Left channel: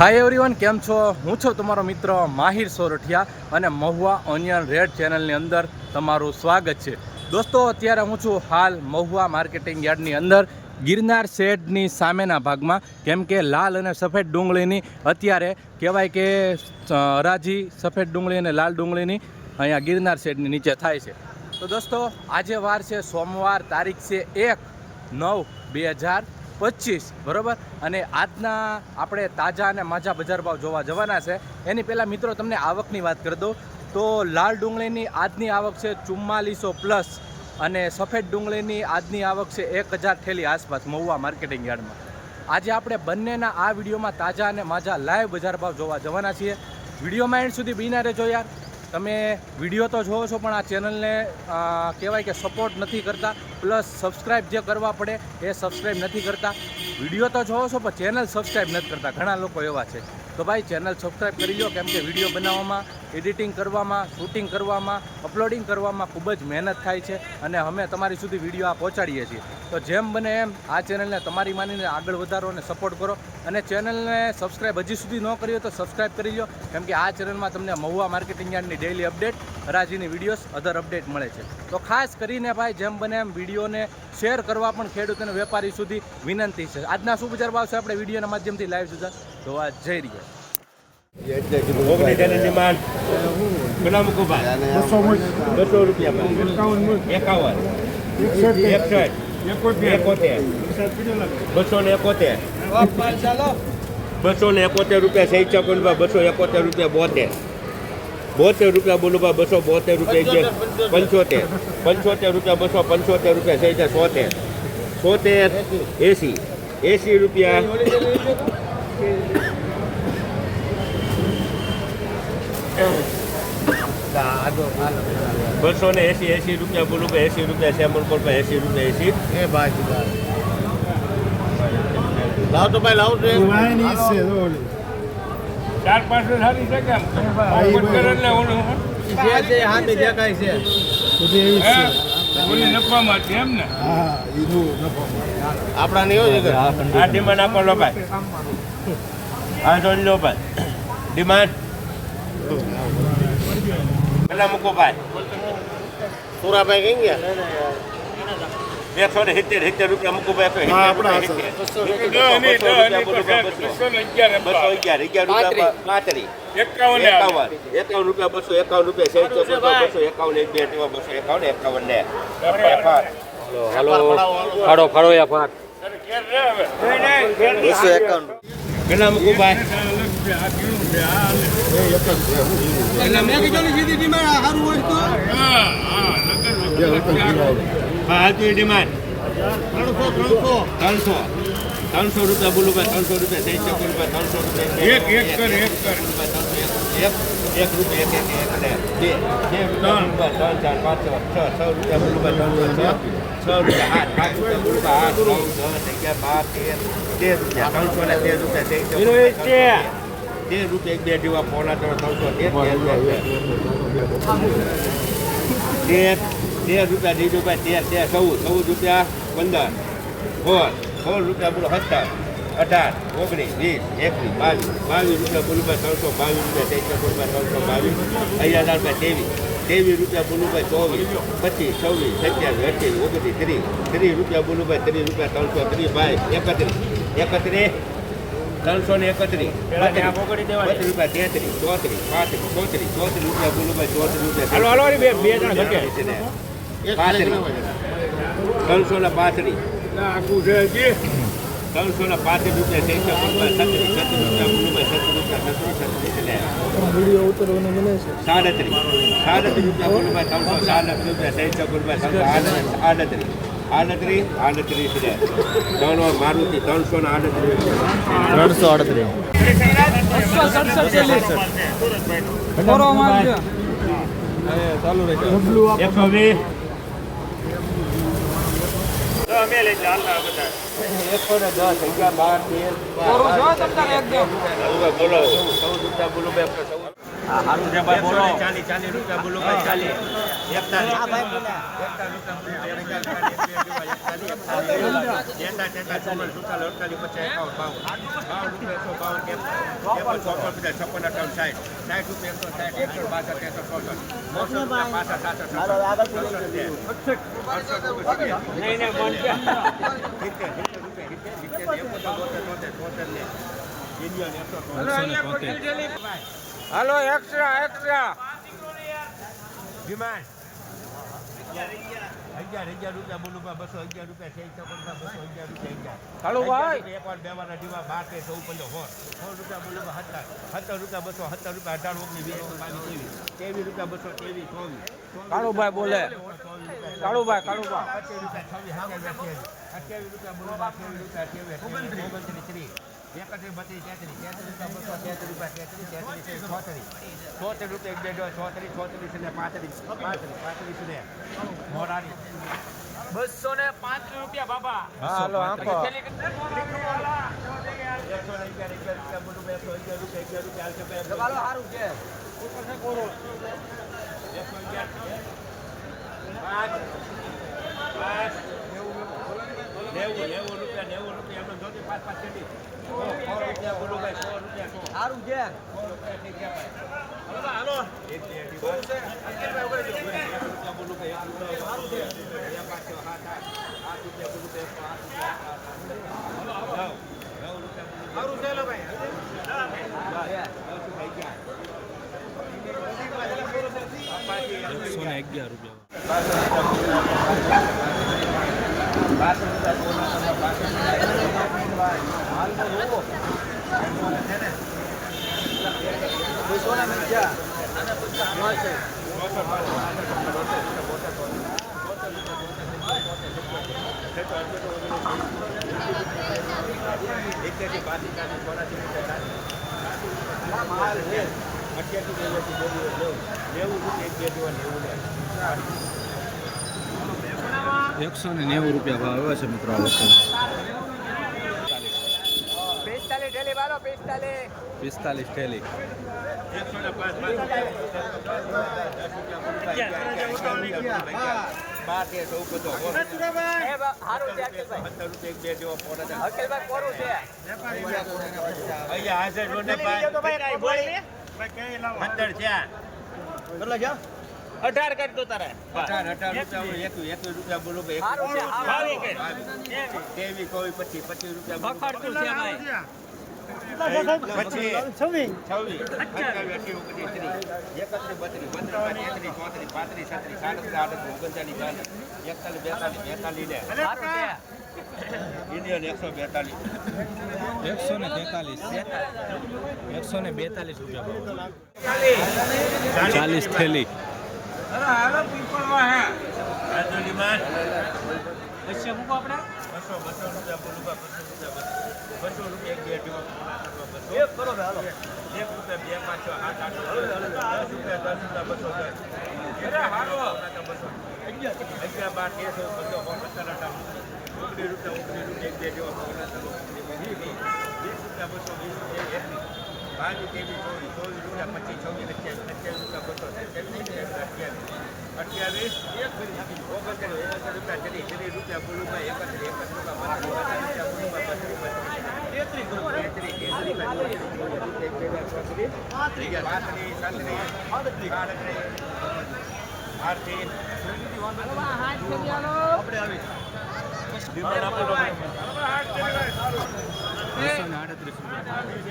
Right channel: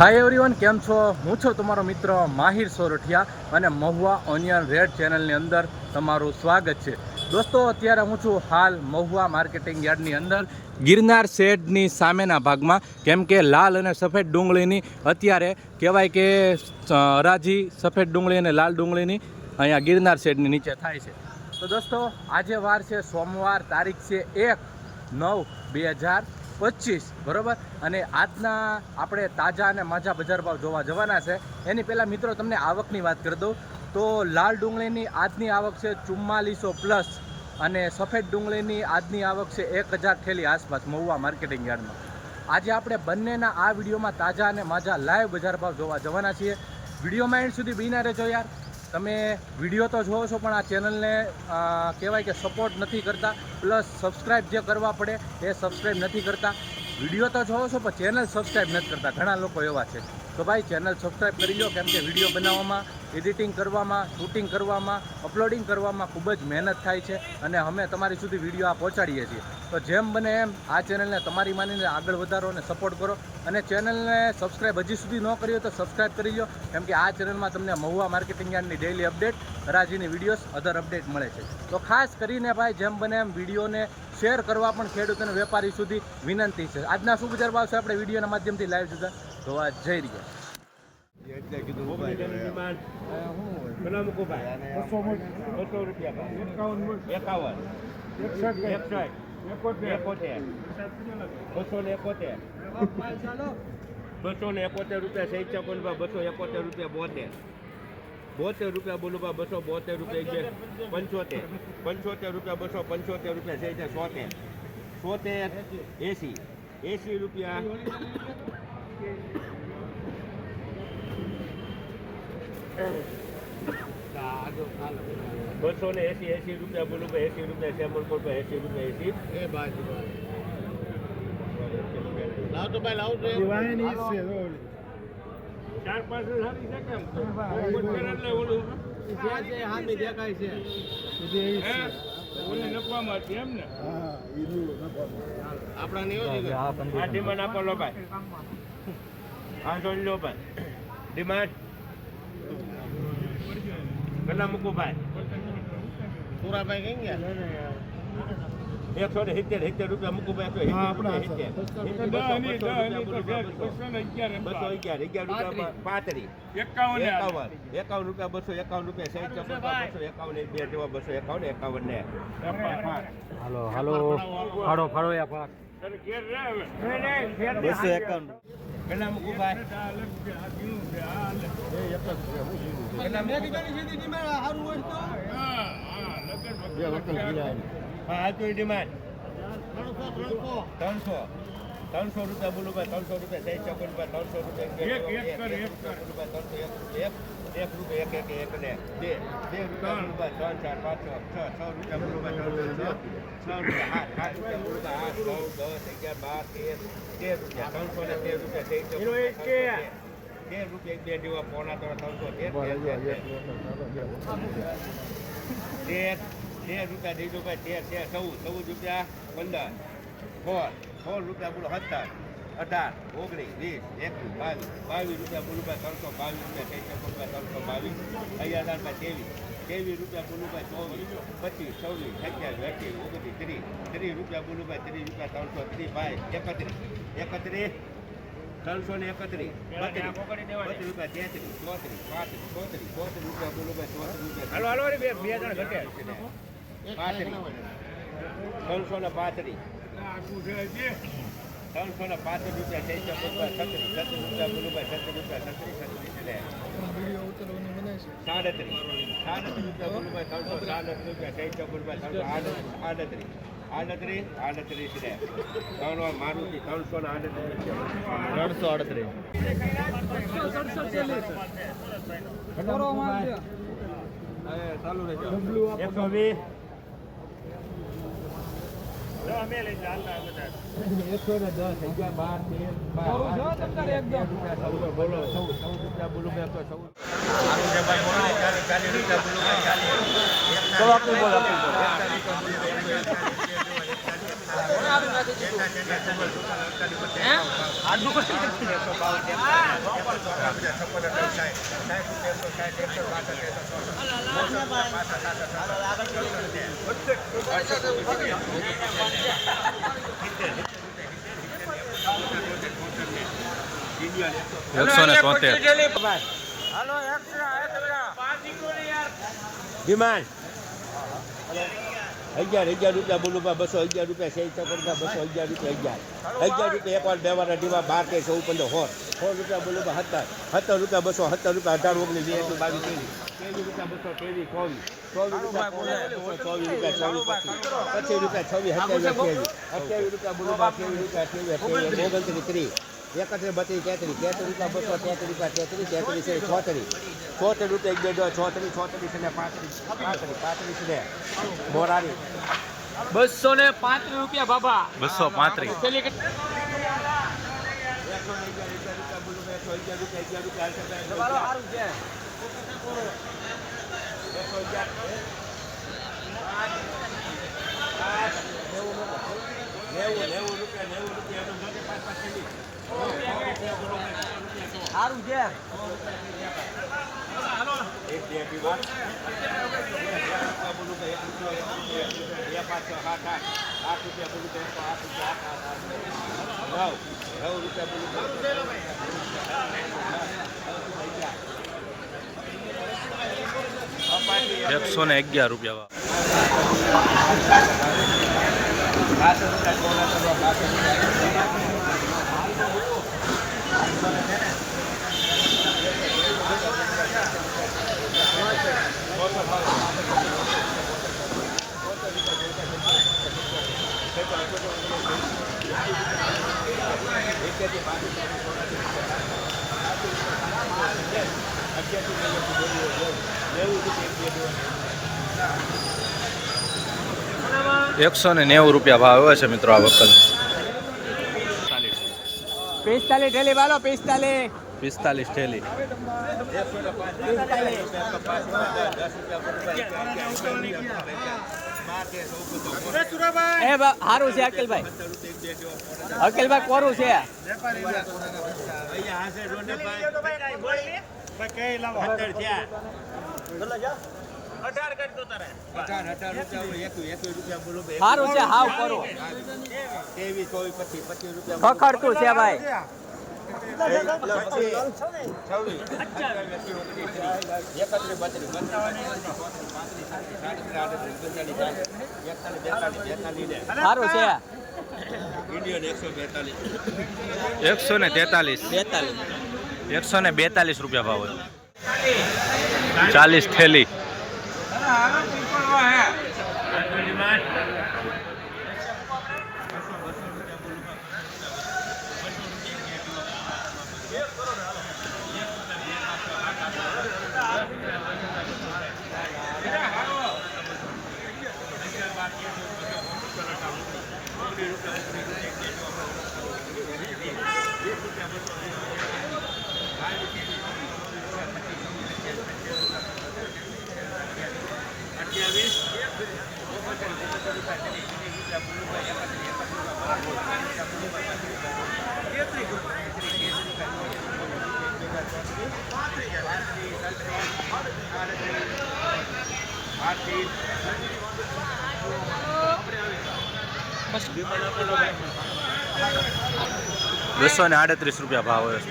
Hi everyone, કેમ છો? હું છું તમારો મિત્ર માહિર સોરઠિયા અને મહુવા ઓનિયન રેડ ચેનલની અંદર તમારું સ્વાગત છે. દોસ્તો, અત્યારે હું છું હાલ મહુવા માર્કેટિંગ યાર્ડની અંદર ગિરનાર શેડની સામેના ભાગમાં, કેમ કે લાલ અને સફેદ ડુંગળીની અત્યારે કહેવાય કે હરાજી સફેદ ડુંગળી અને લાલ ડુંગળીની અહીંયા ગિરનાર શેડની નીચે થાય છે. તો દોસ્તો, આજે વાર છે સોમવાર, તારીખ છે 1/9/2025, બરાબર. અને આજના આપણે તાજા અને માજા બજાર ભાવ જોવા જવાના છે. એની પહેલાં મિત્રો તમને આવકની વાત કરી દઉં તો લાલ ડુંગળીની આજની આવક છે 4400+, અને સફેદ ડુંગળીની આજની આવક છે 1000 થેલી આસપાસ મહુવા માર્કેટિંગ યાર્ડમાં. આજે આપણે બંનેના આ વિડીયોમાં તાજા અને માજા લાઈવ બજાર ભાવ જોવા જવાના છીએ. વિડીયોમાં એન્ડ સુધી બિના રહેજો યાર. તમે વિડીયો તો જોવો છો પણ આ ચેનલને કહેવાય કે સપોર્ટ નથી કરતા, પ્લસ સબસ્ક્રાઈબ જે કરવા પડે એ સબસ્ક્રાઈબ નથી કરતા. વિડીયો તો જોવો છો પણ ચેનલ સબસ્ક્રાઈબ નથી કરતા, ઘણા લોકો એવા છે. તો ભાઈ ચેનલ સબસ્ક્રાઈબ કરી લો, કેમ કે વિડીયો બનાવવામાં, એડિટિંગ કરવામાં, શૂટિંગ કરવામાં, અપલોડિંગ કરવામાં ખૂબ જ મહેનત થાય છે અને અમે તમારી સુધી વિડીયો આ પહોંચાડીએ છીએ. તો જેમ બને એમ આ ચેનલને તમારી માનીને આગળ વધારો અને સપોર્ટ કરો. અને ચેનલને સબસ્ક્રાઈબ હજી સુધી ન કરી હોય તો સબસ્ક્રાઈબ કરી લો, કેમ કે આ ચેનલમાં તમને મહુવા માર્કેટિંગ યાર્ડની ડેઇલી અપડેટ, હરાજીની વિડીયોઝ, અધર અપડેટ મળે છે. તો ખાસ કરીને ભાઈ જેમ બને એમ વિડીયોને શેર કરવા પણ ખેડૂત અને વેપારી સુધી વિનંતી છે. આજના શું બજાર ભાવ છે આપણે વિડીયોના માધ્યમથી લાઈવ સુધી જોવા જઈ રહ્યા. ₹271 સૈચા કોલબા, ₹271 ₹72 બોલુબા, ₹272 ₹75 ₹275 સૈચા 70 ₹80 ₹280 બોલુબા, ₹80 સેમલ કોલબા, ₹80 લાવ તો ભાઈ લાવ ચાર પાંચ સારી છે કેમ નફામાં છે એમ ને આપણા નહીં હોય આ ડિમાન્ડ આપો લો ભાઈ, આ જોઈ લો ભાઈ ડિમાન્ડ પેલા મૂકો ભાઈ. સુરાભાઈ કઈ ગયા ₹170 મૂકો ભાઈ. પેલા મૂકો ભાઈ. ડિમાન્ડ ₹300 બોલો ભાઈ. ₹14 બોલો. 17 18 19 20 21 22 બોલો ભાઈ. ₹322 બોલો ભાઈ. ₹23 ₹24 25 26 27 28 29 30 બોલો ભાઈ. ₹30 330 ભાઈ. 31 ₹331 ₹32 ₹33 34 બોલો ભાઈ. ₹335 મારુતિ 338 અમે લઈ ચાલતા બધા 110 11 12 13 બોલો ₹14 બોલો ₹14 ચાલીસ રૂપિયા બોલો ભાઈ, ચાલીસ. એકસો ને 73. હાલો એક્સ્ટ્રા ડિમાન્ડ 1100 રૂપિયા બોલું બા 211 રૂપિયા 6 રૂપિયા 211 રૂપિયા એક વાર બે વાર અઢીવા 12 કે 14 15 100 રૂપિયા બોલું બા 17 રૂપિયા 217 રૂપિયા 18 19 20 22 23 રૂપિયા 223 25 રૂપિયા 26 રૂપિયા બોલું બા 28 રૂપિયા 31 32 33 રૂપિયા 34 ને મોરારી 205 રૂપિયા બાબા. 235. સારું છે. એકસો ને 11 રૂપિયા. એકસો ને 90 રૂપિયા ભાવ આવે છે મિત્રો આ વકલ. 45 ઠેલી વાલો 45. 45 ઠેલી. સારું છે અકિલભાઈ. અકિલભાઈ કોરું છે. અઢાર કાઢ દો તારે. સારું છે હાવ કોરું. ખખડતું છે ભાઈ. સારું છે. ઇન્ડિયન 142 143. 142 રૂપિયા ભાવ હોય. 40 ઠેલી. બસો ને 38 રૂપિયા ભાવ હોય છે.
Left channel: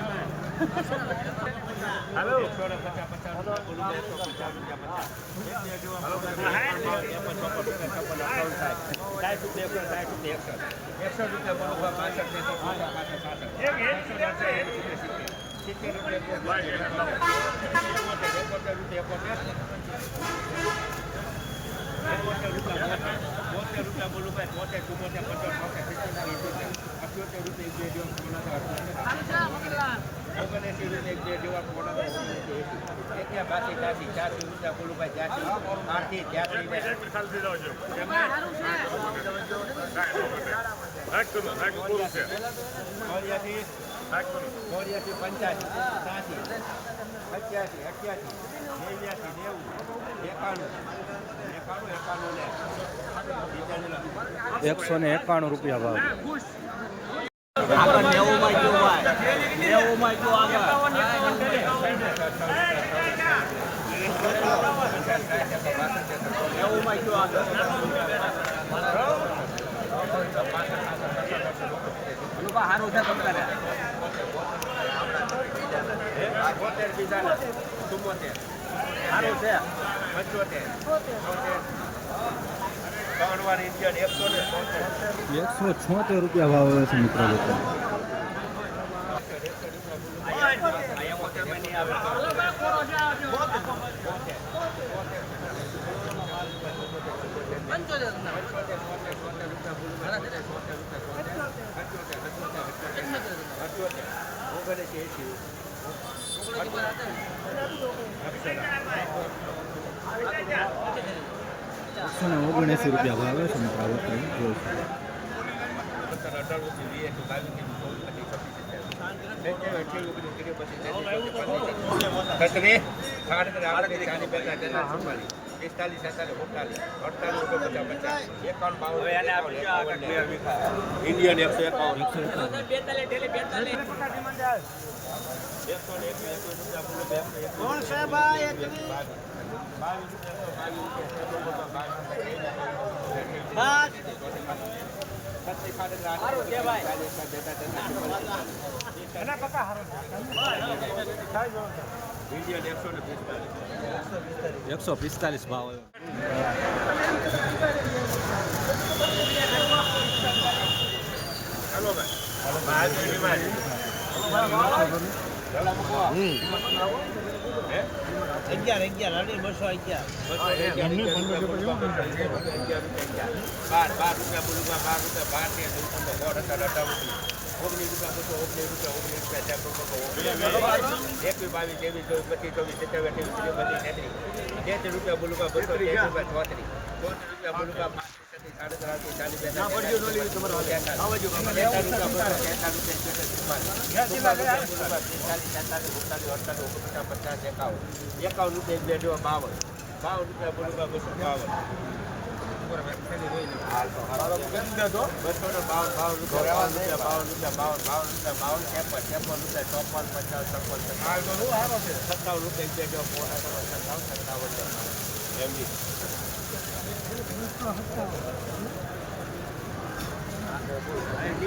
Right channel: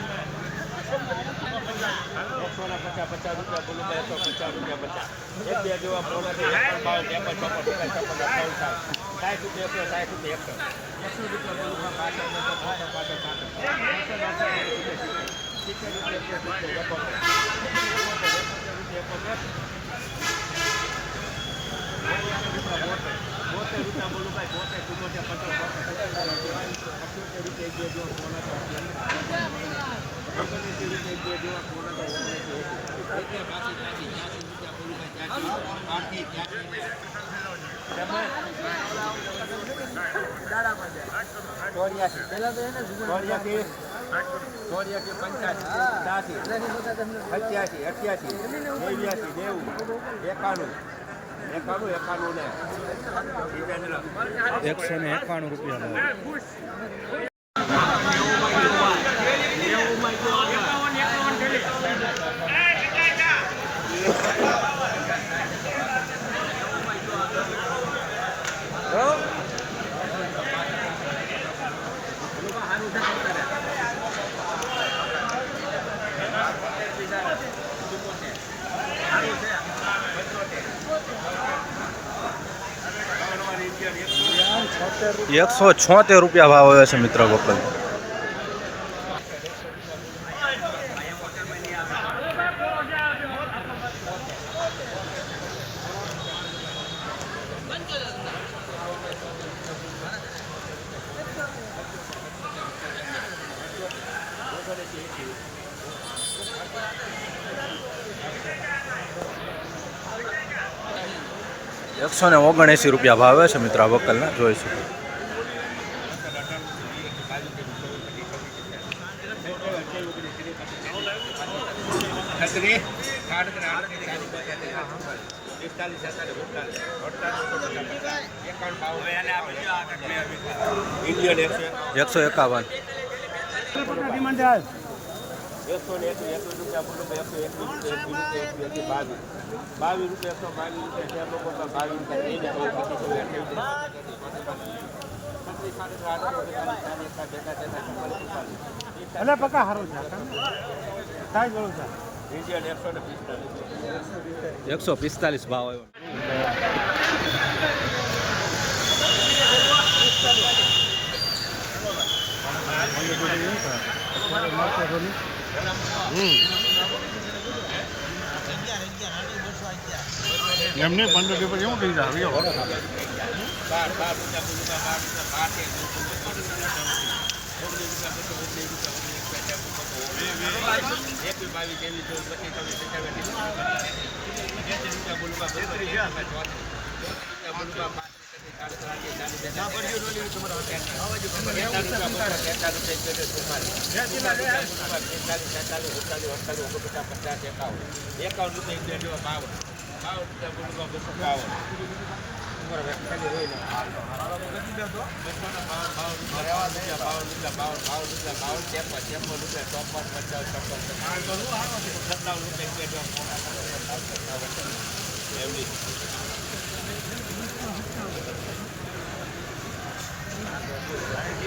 84 85 87 88 88 89 191 રૂપિયા ભાવ. ₹176 ભાવ આવે છે મિત્રો વકલ. ₹179 ભાવ આવે છે મિત્રો આ વકલના, જોઈ શકો. ઇન્ડિયન 151. ઇન્ડિયન 145 ભાવ આવ્યો. એમને 15 પેપર એવું થઈ જાય.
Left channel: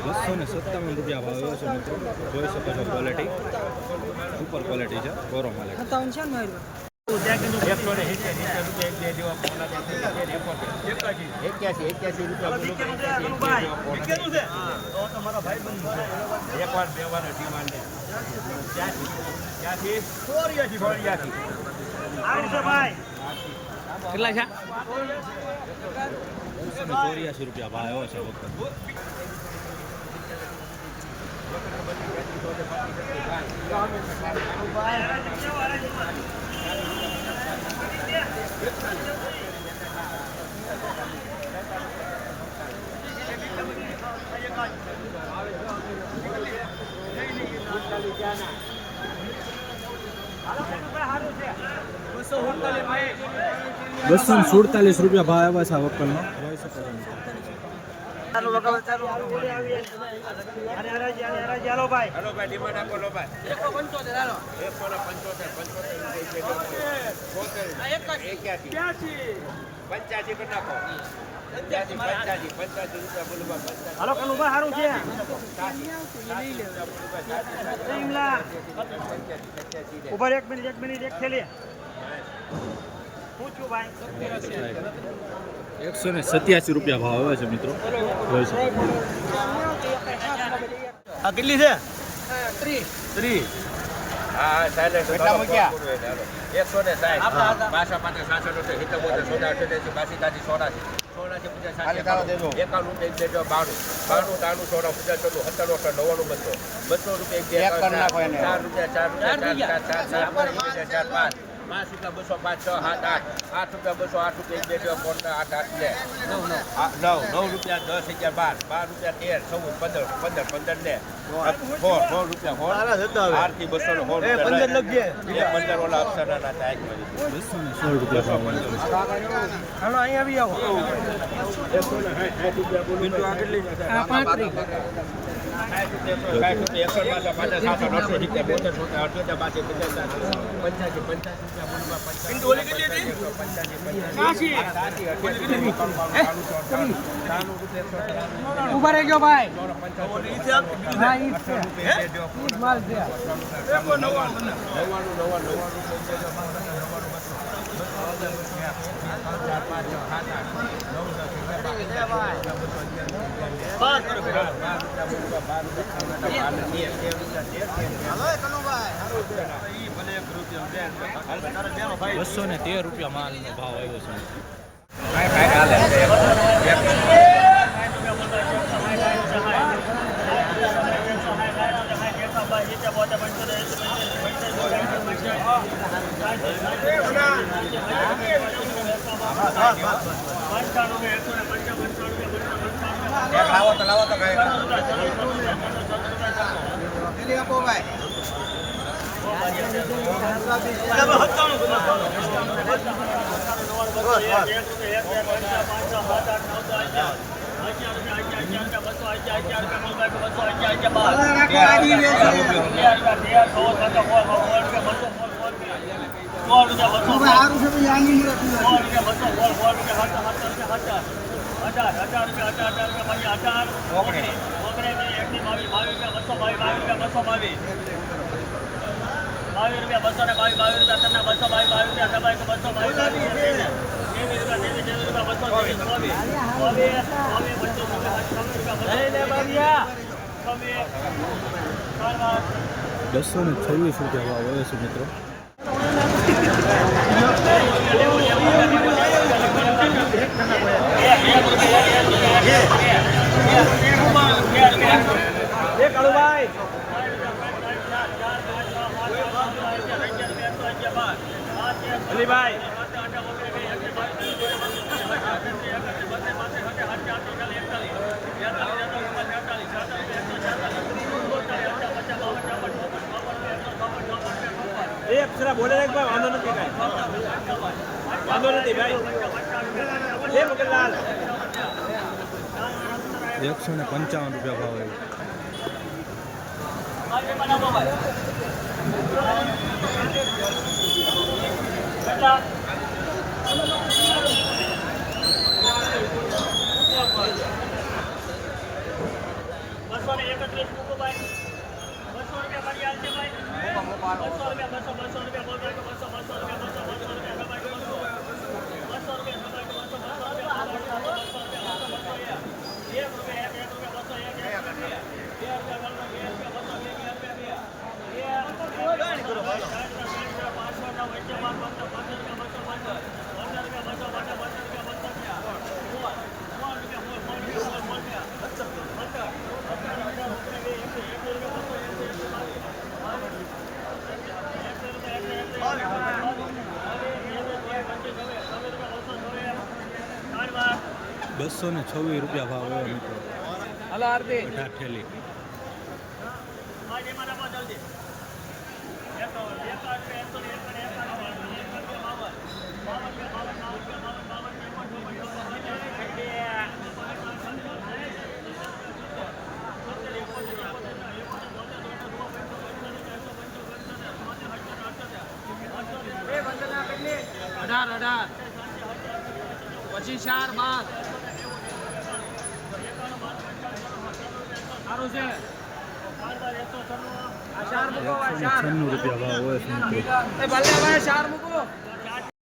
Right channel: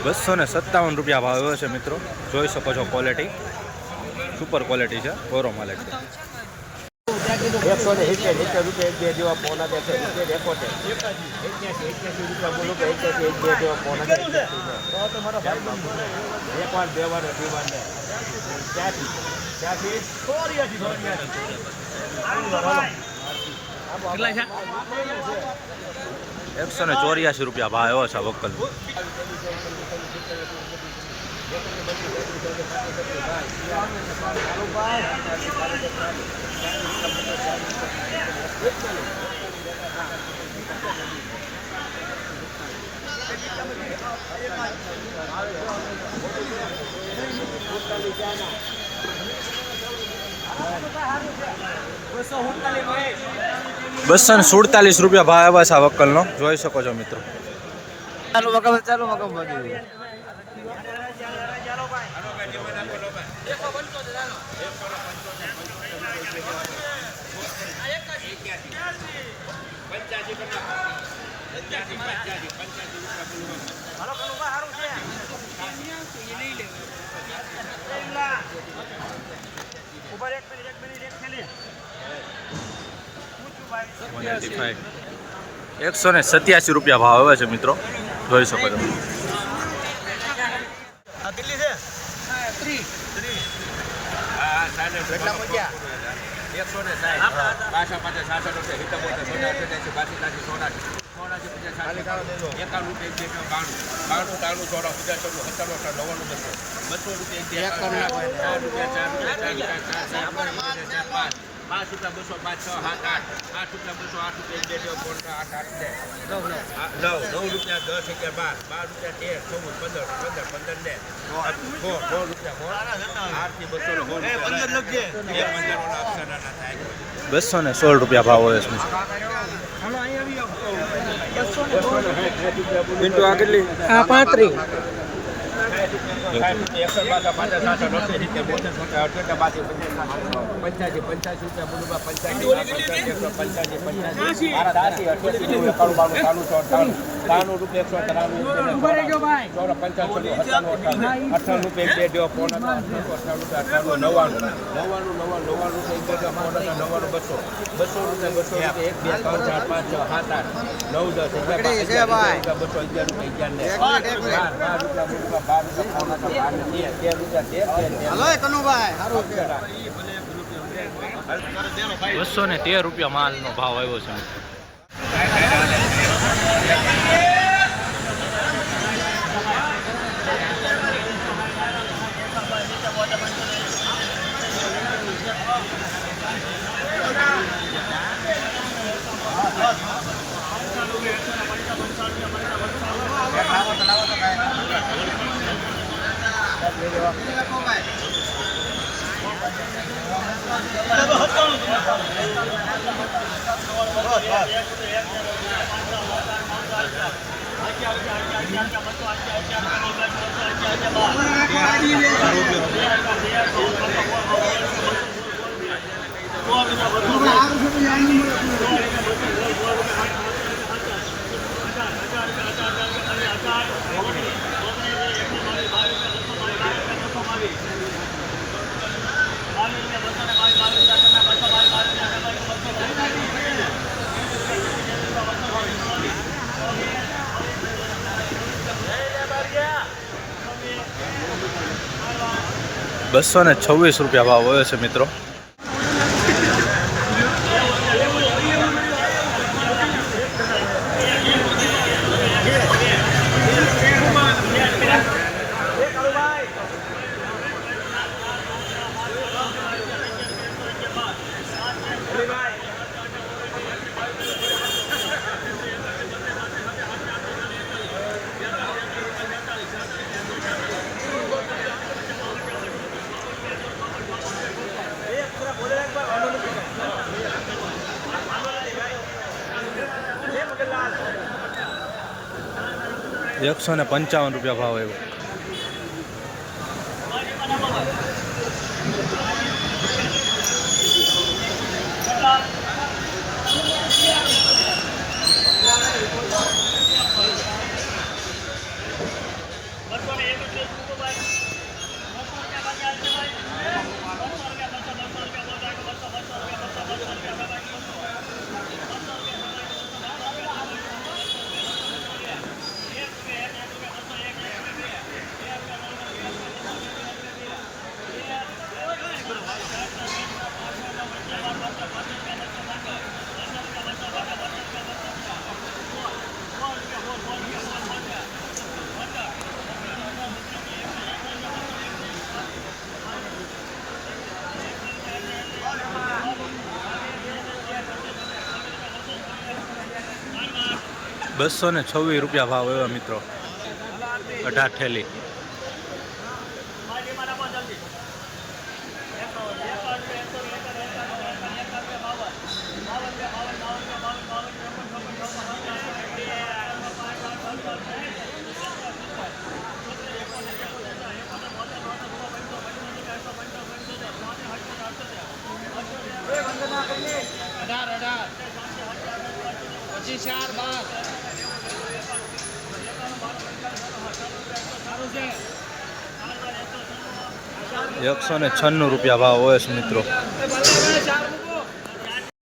257 રૂપિયા ભાવ આવ્યો છે મિત્રો, જોઈ શકો છો. ક્વોલિટી સુપર ક્વોલિટી છે, કોરો માલ. કેટલા છે? ₹184 ભાવ આવ્યો છે વકલ. ₹247 ભાવ આવ્યા છે આ વકલનો, જોઈ શકો છો મિત્રો. ₹187 ભાવ આવે છે મિત્રો, જોઈ શકો છો. કેટલી છે? 30. હા, સાહેબ 160. 160. 200 રૂપિયા 5 રૂપિયા 200 5 6 7 8 8 રૂપિયા 200 8 રૂપિયા 1 2 3 8 8 ને 9 રૂપિયા 10 11 12 12 રૂપિયા 13 14 15 15 ને 9 રૂપિયા 8 થી 200 15 લખજે 15 ઓલા અક્ષરના થાય 216 રૂપિયા ભાવ હોય છે. હાલો અહીં આવી આવો. મિનિટો આ કેટલી? આ 35. ઉભા રહેજો ભાઈ. બસો ને 13 રૂપિયા માલનો ભાવ આવ્યો છે. બસો ને 26 રૂપિયા ભાવ હોય છે મિત્રો. એકસો ને 55 રૂપિયા ભાવ આવ્યો. બસો ને 26 રૂપિયા ભાવ આવ્યો મિત્રો. 18 થેલી. પછી 4 12 સારું છે. 196 રૂપિયા ભાવ હોય છે મિત્રો. 4 મૂકો.